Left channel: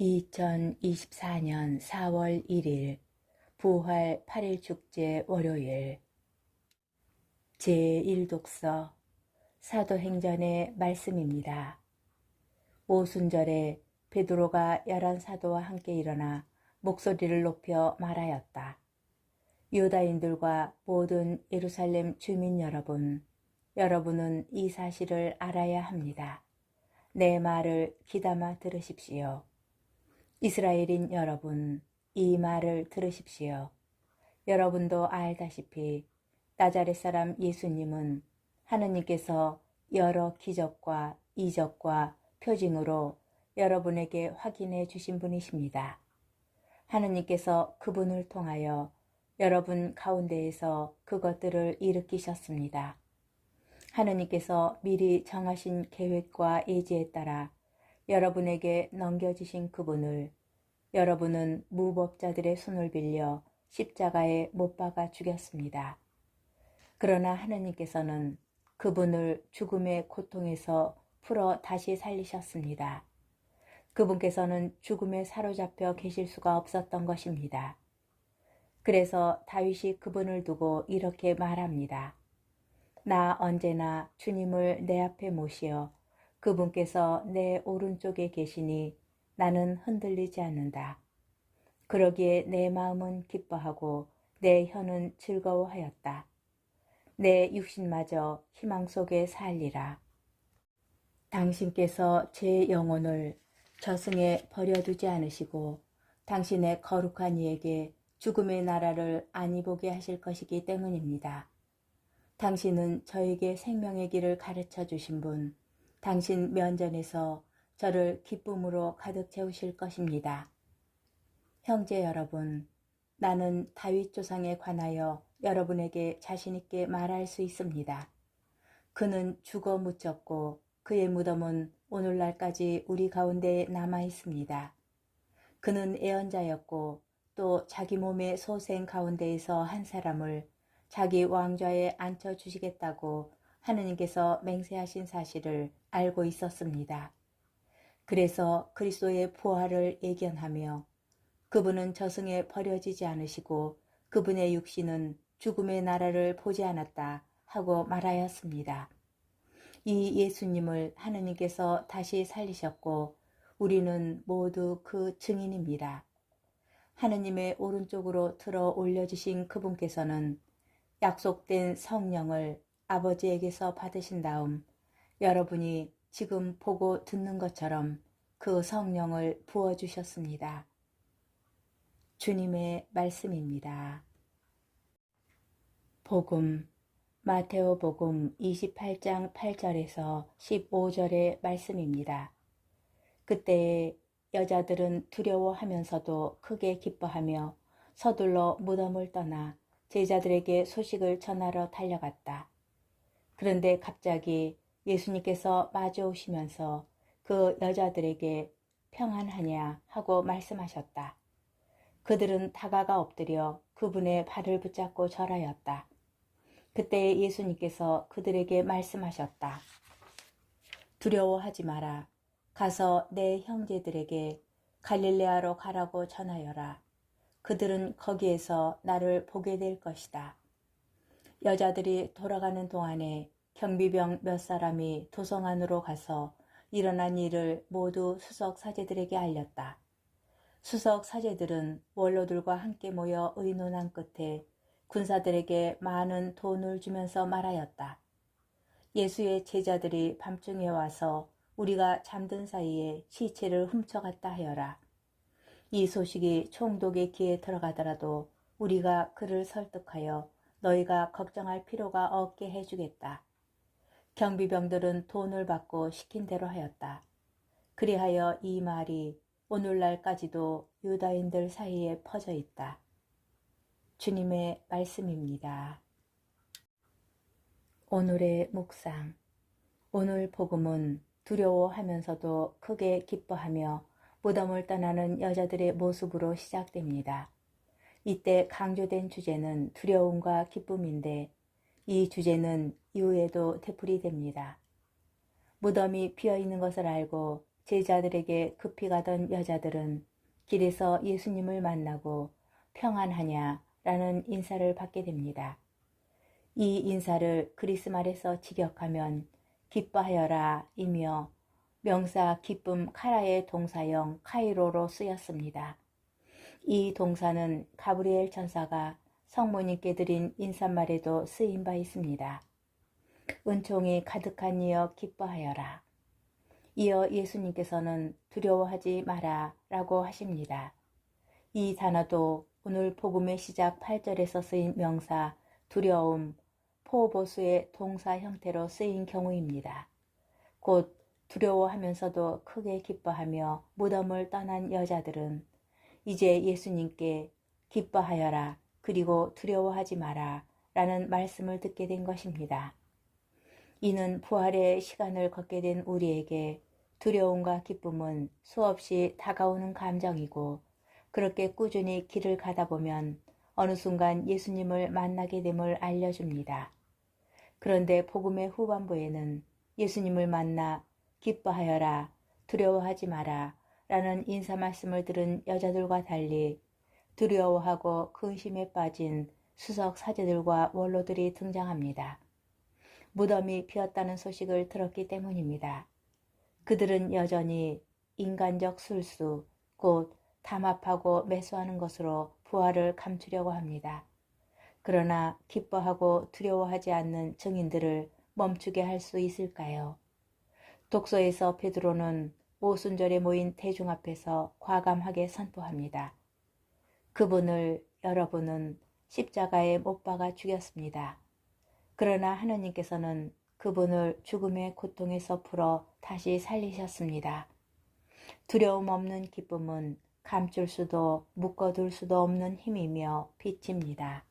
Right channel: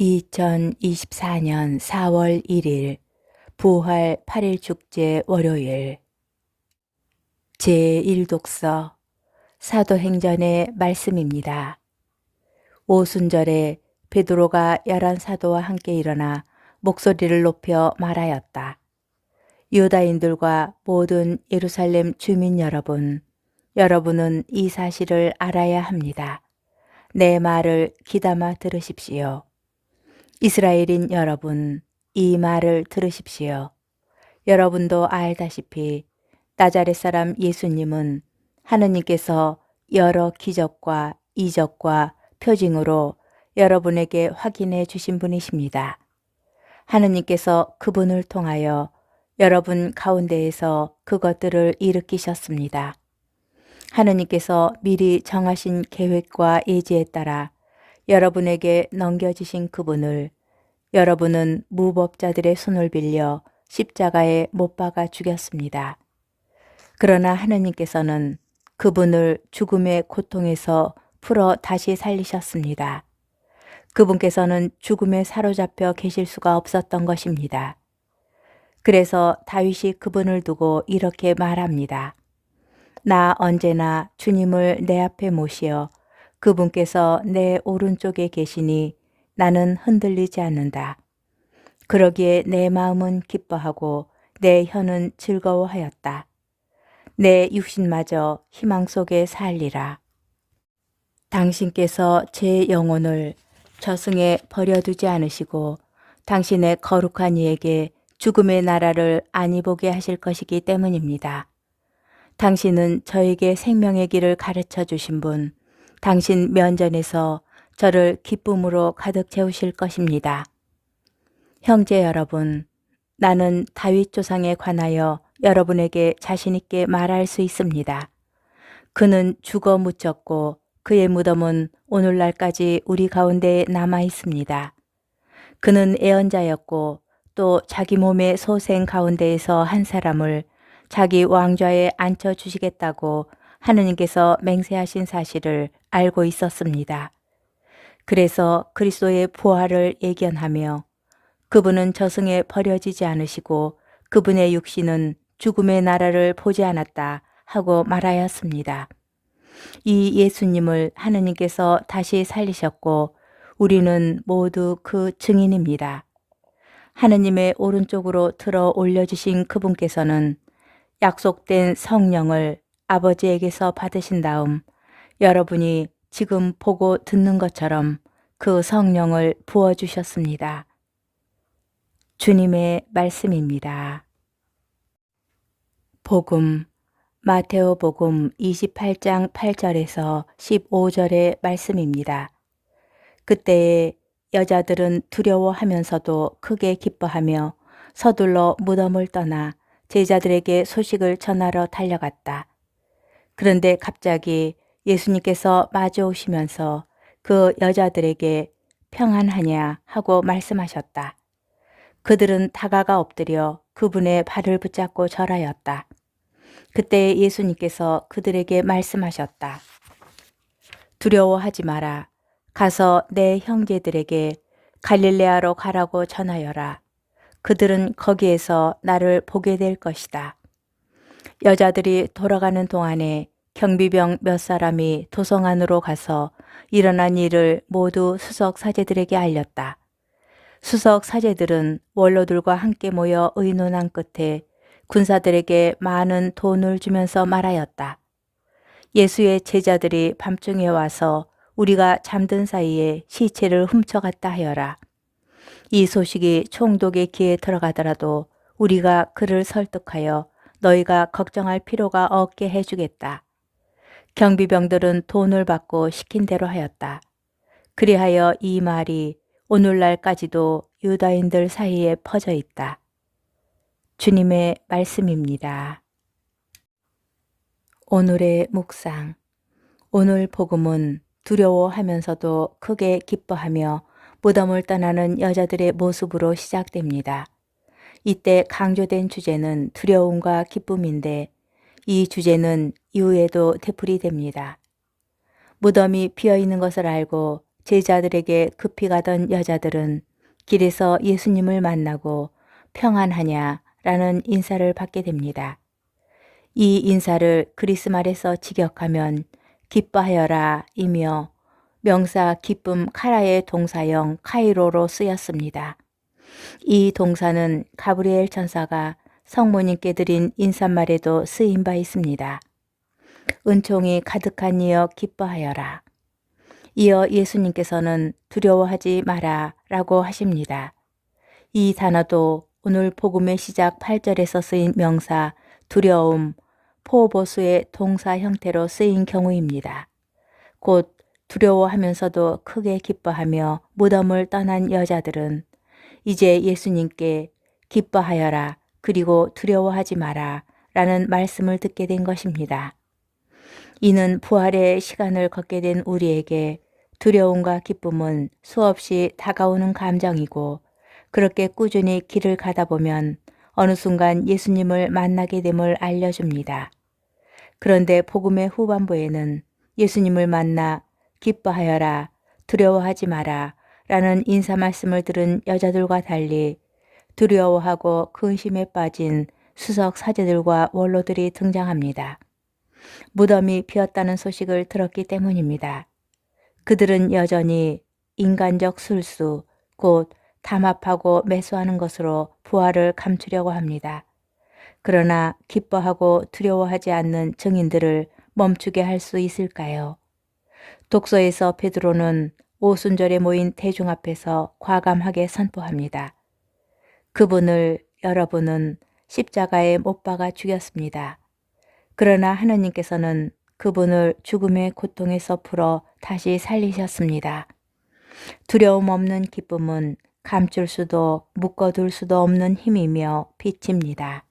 2024년 4월 1일 부활 8일 축제 월요일 제1독서 사도행전의 말씀입니다. 오순절에 베드로가 11사도와 함께 일어나 목소리를 높여 말하였다. 유다인들과 모든 예루살렘 주민 여러분, 여러분은 이 사실을 알아야 합니다. 내 말을 귀담아 들으십시오. 이스라엘인 여러분, 이 말을 들으십시오. 여러분도 알다시피 나자렛 사람 예수님은 하느님께서 여러 기적과 이적과 표징으로 여러분에게 확인해 주신 분이십니다. 하느님께서 그분을 통하여 여러분 가운데에서 그것들을 일으키셨습니다. 하느님께서 미리 정하신 계획과 예지에 따라 여러분에게 넘겨주신 그분을 여러분은 무법자들의 손을 빌려 십자가에 못 박아 죽였습니다. 그러나 하느님께서는 그분을 죽음의 고통에서 풀어 다시 살리셨습니다. 그분께서는 죽음에 사로잡혀 계실 수가 없었던 것입니다. 그래서 다윗이 그분을 두고 이렇게 말합니다. 나 언제나 주님을 내 앞에 모시어 그분께서 내 오른쪽에 계시니 나는 흔들리지 않는다. 그러기에 내 마음은 기뻐하고 내 혀는 즐거워하였다. 내 육신마저 희망 속에 살리라. 당신께서 제 영혼을 저승에 버려두지 않으시고 당신의 거룩한 이에게 죽음의 나라를 안이 보게 하실 것이기 때문입니다. 당신은 저에게 생명의 길을 가르쳐 주신 분, 당신 면전에서 저를 기쁨으로 가득 채우실 것입니다. 형제 여러분, 나는 다윗 조상에 관하여 여러분에게 자신 있게 말할 수 있습니다. 그는 죽어 묻혔고 그의 무덤은 오늘날까지 우리 가운데 남아 있습니다. 그는 애언자였고 또 자기 몸의 소생 가운데에서 한 사람을 자기 왕좌에 앉혀 주시겠다고 하느님께서 맹세하신 사실을 알고 있었습니다. 그래서 그리스도의 부활을 예견하며 그분은 저승에 버려지지 않으시고 그분의 육신은 죽음의 나라를 보지 않았다 하고 말하였습니다. 이 예수님을 하느님께서 다시 살리셨고 우리는 모두 그 증인입니다. 하느님의 오른쪽으로 들어 올려주신 그분께서는 약속된 성령을 아버지에게서 받으신 다음 여러분이 지금 보고 듣는 것처럼 그 성령을 부어주셨습니다. 주님의 말씀입니다. 복음 마테오복음 28장 8절에서 15절의 말씀입니다. 그때에 여자들은 두려워하면서도 크게 기뻐하며 서둘러 무덤을 떠나 제자들에게 소식을 전하러 달려갔다. 그런데 갑자기 예수님께서 마주오시면서 그 여자들에게 평안하냐 하고 말씀하셨다. 그들은 다가가 엎드려 그분의 발을 붙잡고 절하였다. 그때 예수님께서 그들에게 말씀하셨다. 두려워하지 마라. 가서 내 형제들에게 갈릴레아로 가라고 전하여라. 그들은 거기에서 나를 보게 될 것이다. 여자들이 돌아가는 동안에 경비병 몇 사람이 도성 안으로 가서 일어난 일을 모두 수석 사제들에게 알렸다. 수석 사제들은 원로들과 함께 모여 의논한 끝에 군사들에게 많은 돈을 주면서 말하였다. 예수의 제자들이 밤중에 와서 우리가 잠든 사이에 시체를 훔쳐갔다 하여라. 이 소식이 총독의 귀에 들어가더라도 우리가 그를 설득하여 너희가 걱정할 필요가 없게 해주겠다. 경비병들은 돈을 받고 시킨 대로 하였다. 그리하여 이 말이 오늘날까지도 유다인들 사이에 퍼져 있다. 주님의 말씀입니다. 오늘의 묵상. 오늘 복음은 두려워하면서도 크게 기뻐하며 무덤을 떠나는 여자들의 모습으로 시작됩니다. 이때 강조된 주제는 두려움과 기쁨인데 이 주제는 이후에도 되풀이됩니다. 무덤이 비어 있는 것을 알고 제자들에게 급히 가던 여자들은 길에서 예수님을 만나고 평안하냐라는 인사를 받게 됩니다. 이 인사를 그리스말에서 직역하면 기뻐하여라 이며 명사 기쁨 카라의 동사형 카이로로 쓰였습니다. 이 동사는 가브리엘 천사가 성모님께 드린 인사말에도 쓰인 바 있습니다. 은총이 가득한 이여 기뻐하여라. 이어 예수님께서는 두려워하지 마라 라고 하십니다. 이 단어도 오늘 복음의 시작 8절에서 쓰인 명사 두려움, 포보수의 동사 형태로 쓰인 경우입니다. 곧 두려워하면서도 크게 기뻐하며 무덤을 떠난 여자들은 이제 예수님께 기뻐하여라 그리고 두려워하지 마라 라는 말씀을 듣게 된 것입니다. 이는 부활의 시간을 걷게 된 우리에게 두려움과 기쁨은 수없이 다가오는 감정이고 그렇게 꾸준히 길을 가다 보면 어느 순간 예수님을 만나게 됨을 알려줍니다. 그런데 복음의 후반부에는 예수님을 만나 기뻐하여라, 두려워하지 마라 라는 인사 말씀을 들은 여자들과 달리 두려워하고 근심에 빠진 수석 사제들과 원로들이 등장합니다. 무덤이 비었다는 소식을 들었기 때문입니다. 그들은 여전히 인간적 술수, 곧 담합하고 매수하는 것으로 부활을 감추려고 합니다. 그러나 기뻐하고 두려워하지 않는 증인들을 멈추게 할 수 있을까요? 독서에서 베드로는 오순절에 모인 대중 앞에서 과감하게 선포합니다. 그분을 여러분은 십자가에 못 박아 죽였습니다. 그러나 하느님께서는 그분을 죽음의 고통에서 풀어 다시 살리셨습니다. 두려움 없는 기쁨은 감출 수도 묶어둘 수도 없는 힘이며 빛입니다.